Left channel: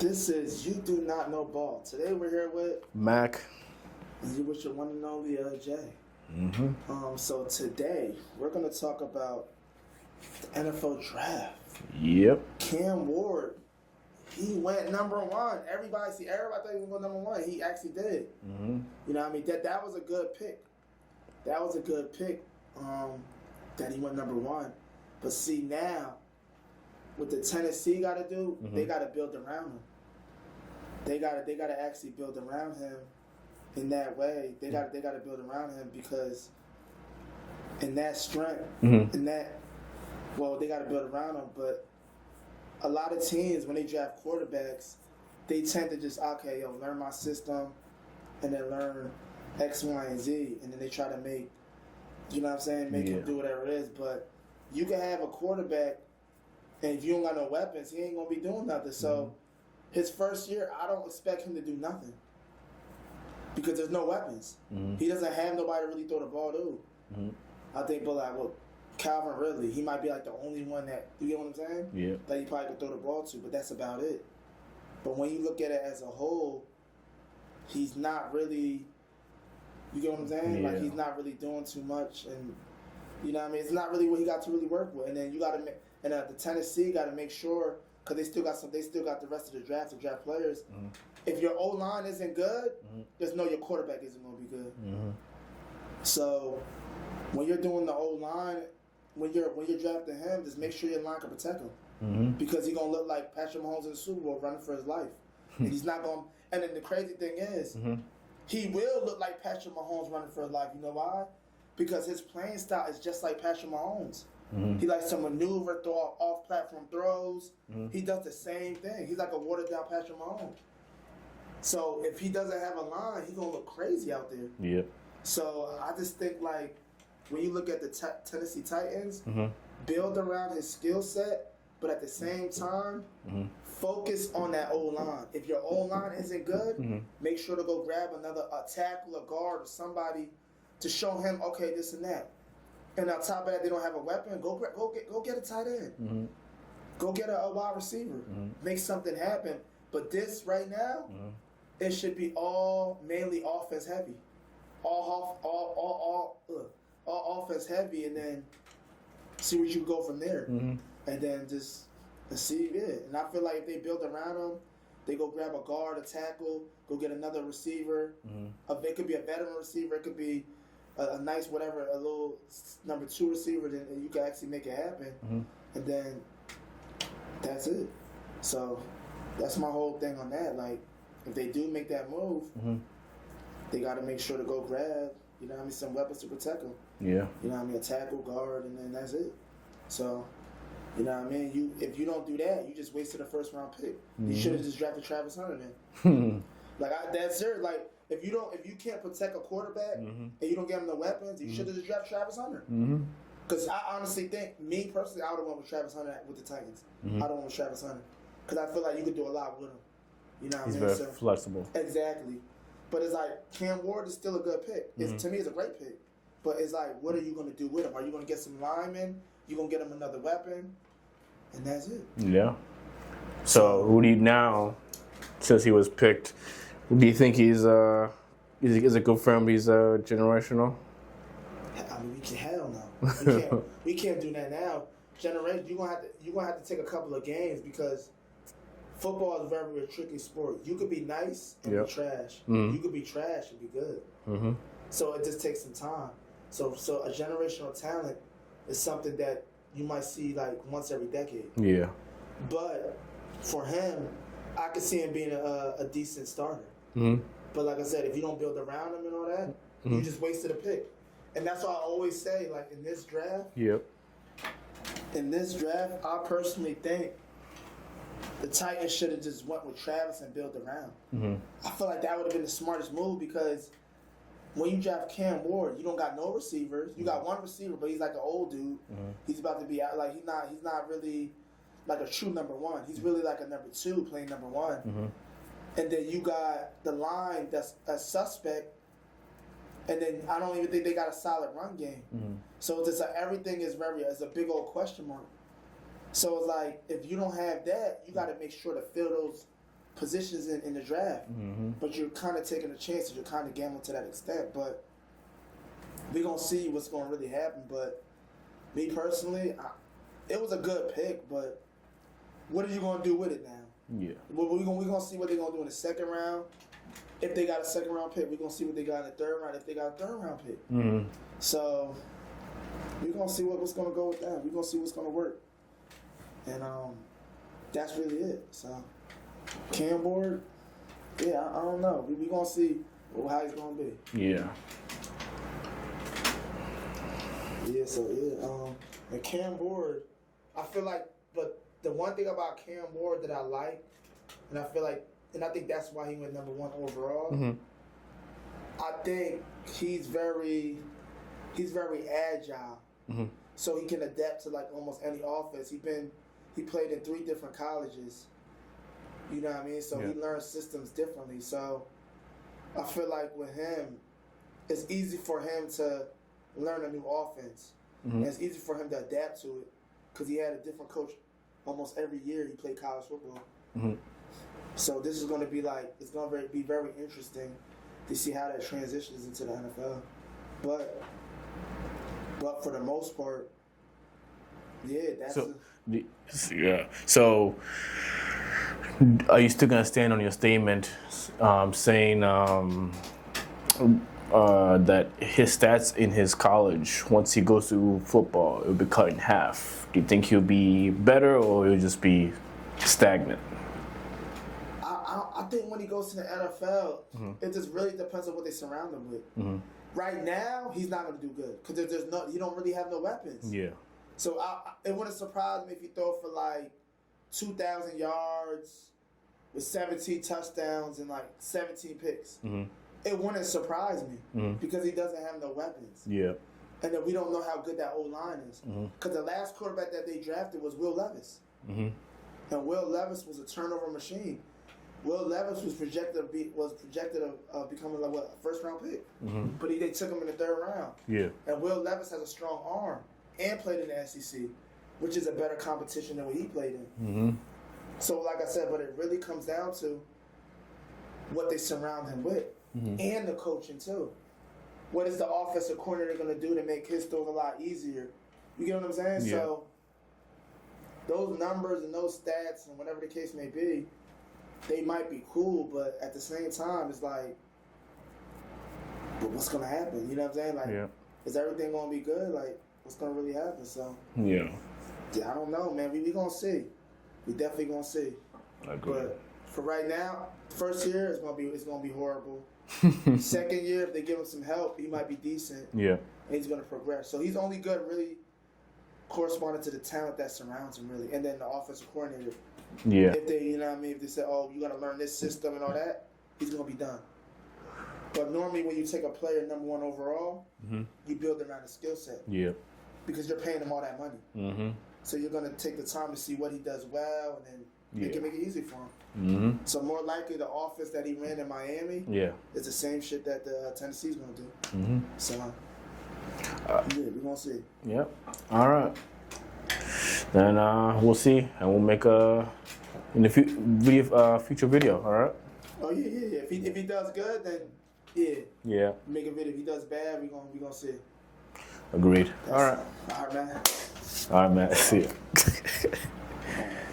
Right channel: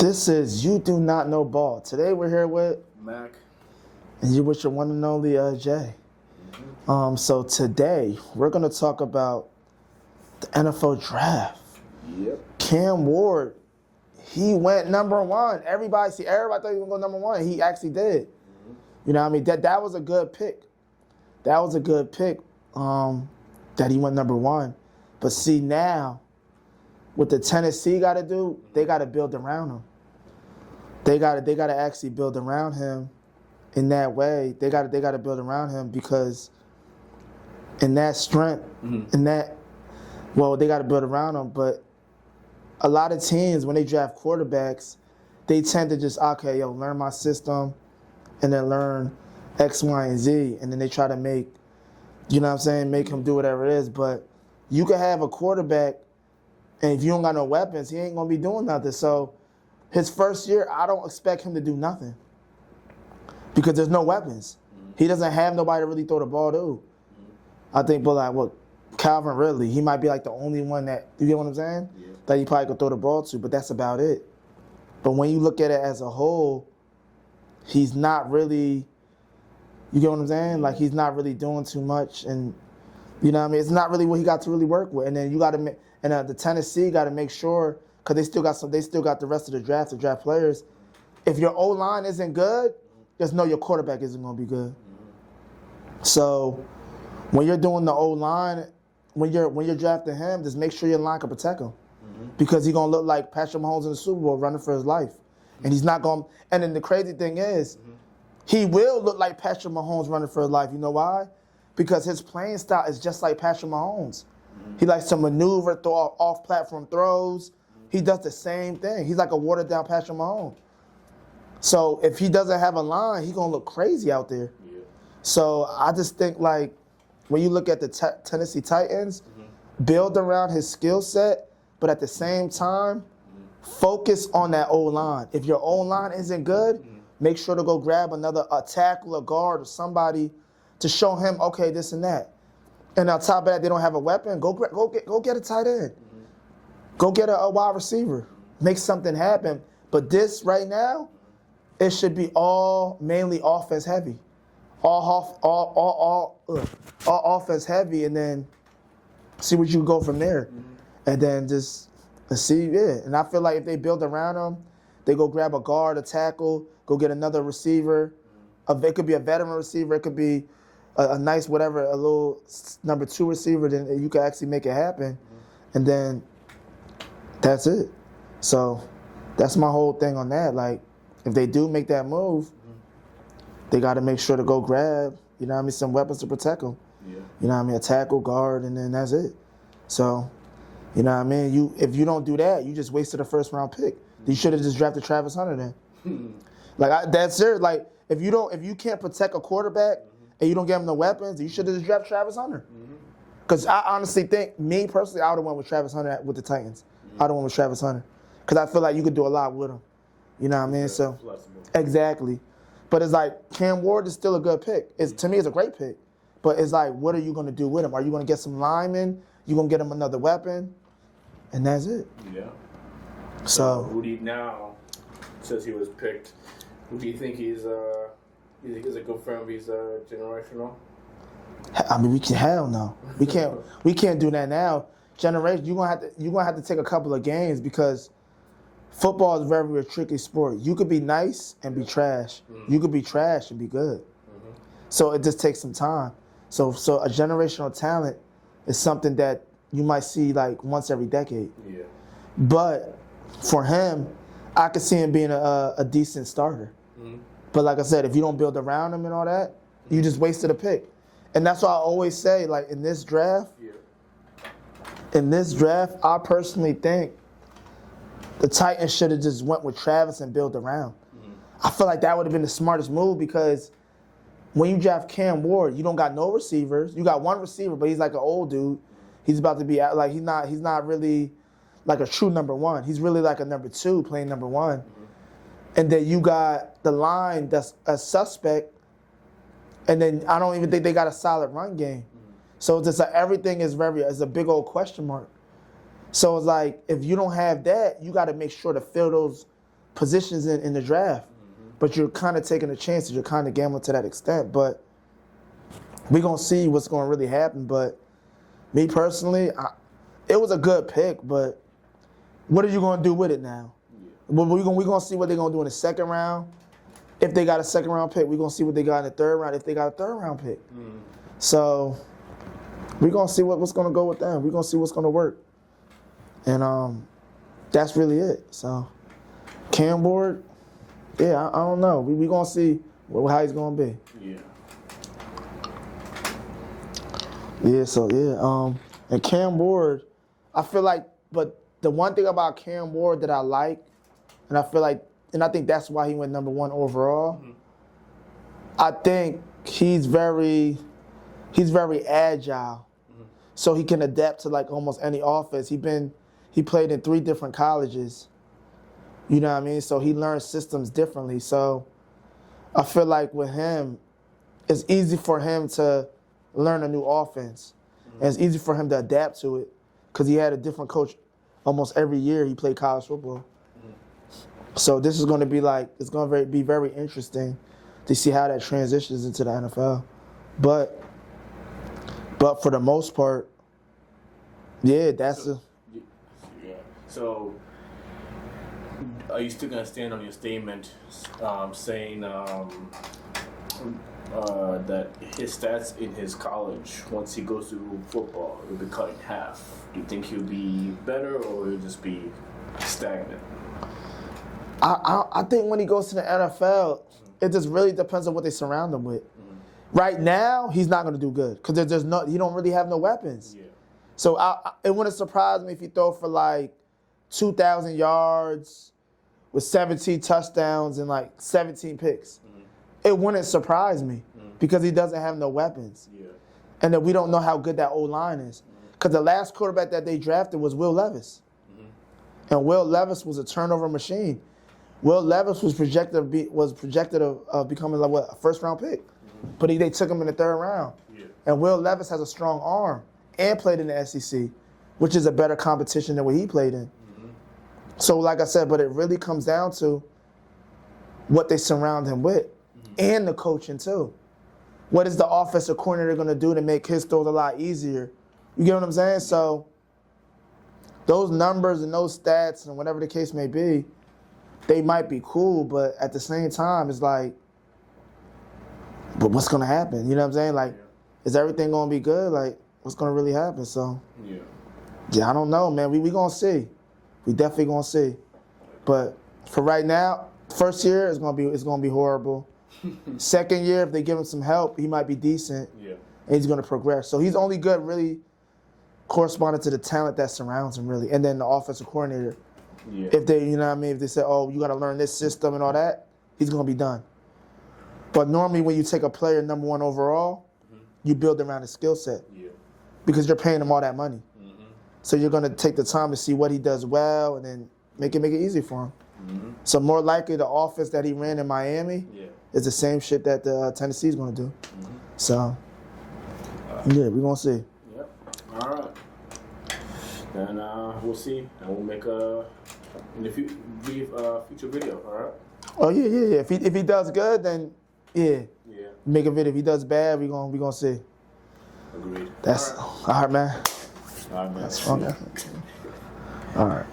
This is You Do Not Know Ball. Today we're here with Mac. and you with your one and only Jay. So today we're gonna talk about the NFL draft. Yep. Cam Ward, he went number one. Everybody thought he was gonna go number one. He actually did. You know what I mean? That was a good pick. That was a good pick. That he went number one. But see now, what the Tennessee got to do, they got to build around him. They got to actually build around him in that way. They got to build around him because in that strength, in that, well, they got to build around him. But a lot of teams, when they draft quarterbacks, they tend to just, okay, learn my system and then learn X, Y, and Z. And then they try to make, you know what I'm saying, make him do whatever it is. But you could have a quarterback, and if you don't got no weapons, he ain't going to be doing nothing. So his first year, I don't expect him to do nothing because there's no weapons. He doesn't have nobody to really throw the ball to. I think, but like, what, Calvin Ridley, he might be like the only one that, you get what I'm saying? Yeah. That he probably could throw the ball to, but that's about it. But when you look at it as a whole, he's not really, you get what I'm saying? Yeah. Like, he's not really doing too much, and you know what I mean? It's not really what he got to really work with. And then you got to, the Tennessee got to make sure, because they still got the rest of the draft to draft players. If your O line isn't good, just know your quarterback isn't going to be good. So when you're doing the O line, when you're drafting him, just make sure your line can protect him, because he's going to look like Patrick Mahomes in the Super Bowl running for his life, and he's not going. And then the crazy thing is, he will look like Patrick Mahomes running for his life. You know why? Because his playing style is just like Patrick Mahomes. He likes to maneuver, throw off-platform throws. He does the same thing. He's like a watered-down Patrick Mahomes. So if he doesn't have a line, he's going to look crazy out there. Yep. So I just think, like, when you look at the Tennessee Titans, build around his skill set, but at the same time, focus on that O-line. If your O-line isn't good, make sure to go grab a tackle, a guard, or somebody to show him, okay, this and that. And on top of that, they don't have a weapon. Go get a tight end. Go get a wide receiver. Make something happen. But this right now, it should be all mainly offense heavy. All offense heavy, and then see what you can go from there. And then just see it. And I feel like if they build around him, they go grab a guard, a tackle, go get another receiver. It could be a veteran receiver. It could be a nice whatever, a little number 2 receiver. Then you can actually make it happen. And then that's it. So that's my whole thing on that. Like, if they do make that move, they got to make sure to go grab, you know what I mean, some weapons to protect them. Yeah. You know what I mean, a tackle, guard, and then that's it. So, you know what I mean, if you don't do that, you just wasted a first-round pick. You should have just drafted Travis Hunter then. That's it. Like, if you can't protect a quarterback and you don't give him the weapons, you should have just drafted Travis Hunter. Because I honestly think, me personally, I would have went with Travis Hunter with the Titans. I would have went with Travis Hunter. Because I feel like you could do a lot with him. You know what I mean? So flexible. Exactly. But it's like, Cam Ward is still a good pick. To me, it's a great pick. But it's like, what are you going to do with him? Are you going to get some linemen? You going to get him another weapon? And that's it. Yeah. So who do you now, since he was picked, do you think is it good for him? He's generational. I mean, hell no. We can't do that now. Generation, you're gonna have to take a couple of games, because football is very a tricky sport. You could be nice and be trash. You could be trash and be good. So it just takes some time. So a generational talent is something that you might see like once every decade. Yeah. But for him, I could see him being a decent starter. But like I said, if you don't build around him and all that, you just wasted a pick. And that's why I always say, like, in this draft, I personally think the Titans should have just went with Travis and built around. I feel like that would have been the smartest move, because when you draft Cam Ward, you don't got no receivers. You got one receiver, but he's like an old dude. He's about to be like, he's not really like a true number 1. He's really like a number 2 playing number 1. And then you got the line that's a suspect. And then I don't even think they got a solid run game. So it's just like everything is it's a big old question mark. So it's like, if you don't have that, you got to make sure to fill those positions in the draft. But you're kind of taking a chance. You're kind of gambling to that extent. But we're going to see what's going to really happen. But me personally, it was a good pick, but what are you going to do with it now? Yeah. We're going to see what they're going to do in the second round. If they got a second round pick, we're going to see what they got in the third round if they got a third round pick. So we're going to see what's going to go with them. We're going to see what's going to work. And that's really it. So Cam Ward, yeah, I don't know. We're going to see how he's going to be. Yeah. Yeah, so yeah. And Cam Ward, I feel like, but the one thing about Cam Ward that I like, and I feel like, and I think that's why he went number 1 overall. I think he's very agile, so he can adapt to like almost any offense. He played in 3 different colleges. You know what I mean? So he learns systems differently. So I feel like with him, it's easy for him to learn a new offense. And it's easy for him to adapt to it because he had a different coach almost every year he played college football. So this is going to be like, it's going to be very interesting to see how that transitions into the NFL. But for the most part, yeah, yeah. So are you still going to stand on your statement saying that his stats in his college, once he goes to football, it'll be cut in half? Do you think he'll be better or he'll just be stagnant? I think when he goes to the NFL, it just really depends on what they surround him with. Right now, he's not going to do good because he don't really have no weapons. Yeah. So it wouldn't surprise me if he throw for like 2,000 yards with 17 touchdowns and like 17 picks. It wouldn't surprise me because he doesn't have no weapons. Yeah. And then we don't know how good that O-line is. Because the last quarterback that they drafted was Will Levis. And Will Levis was a turnover machine. Will Levis was projected of becoming like a first-round pick. But they took him in the 3rd round. Yeah. And Will Levis has a strong arm and played in the SEC, which is a better competition than what he played in. So like I said, but it really comes down to what they surround him with and the coaching too. What is the offensive coordinator going to do to make his throws a lot easier? You get what I'm saying? Yeah. So those numbers and those stats and whatever the case may be, they might be cool, but at the same time, it's like, but what's going to happen? You know what I'm saying? Like, is everything going to be good? Like, what's going to really happen? So, yeah, I don't know, man. We going to see. We definitely going to see. But for right now, first year, it's going to be horrible. Second year, if they give him some help, he might be decent. Yeah. And he's going to progress. So he's only good really corresponding to the talent that surrounds him, really. And then the offensive coordinator. Yeah. If they, you know what I mean, if they say, oh, you got to learn this system and all that, he's going to be done. But normally when you take a player number 1 overall, you build around his skill set. Yeah. Because you're paying him all that money. So you're going to take the time to see what he does well and then make it easy for him. So more likely the offense that he ran in Miami is the same shit that the Tennessee's going to do. So, yeah, we're going to see. Yep. All right. Then we'll see, and we'll make in the future video. All right. Oh yeah. If he does good, then yeah. Make a video. If he does bad, we gonna see. Agreed. All right, man. All right, man. See ya. All right.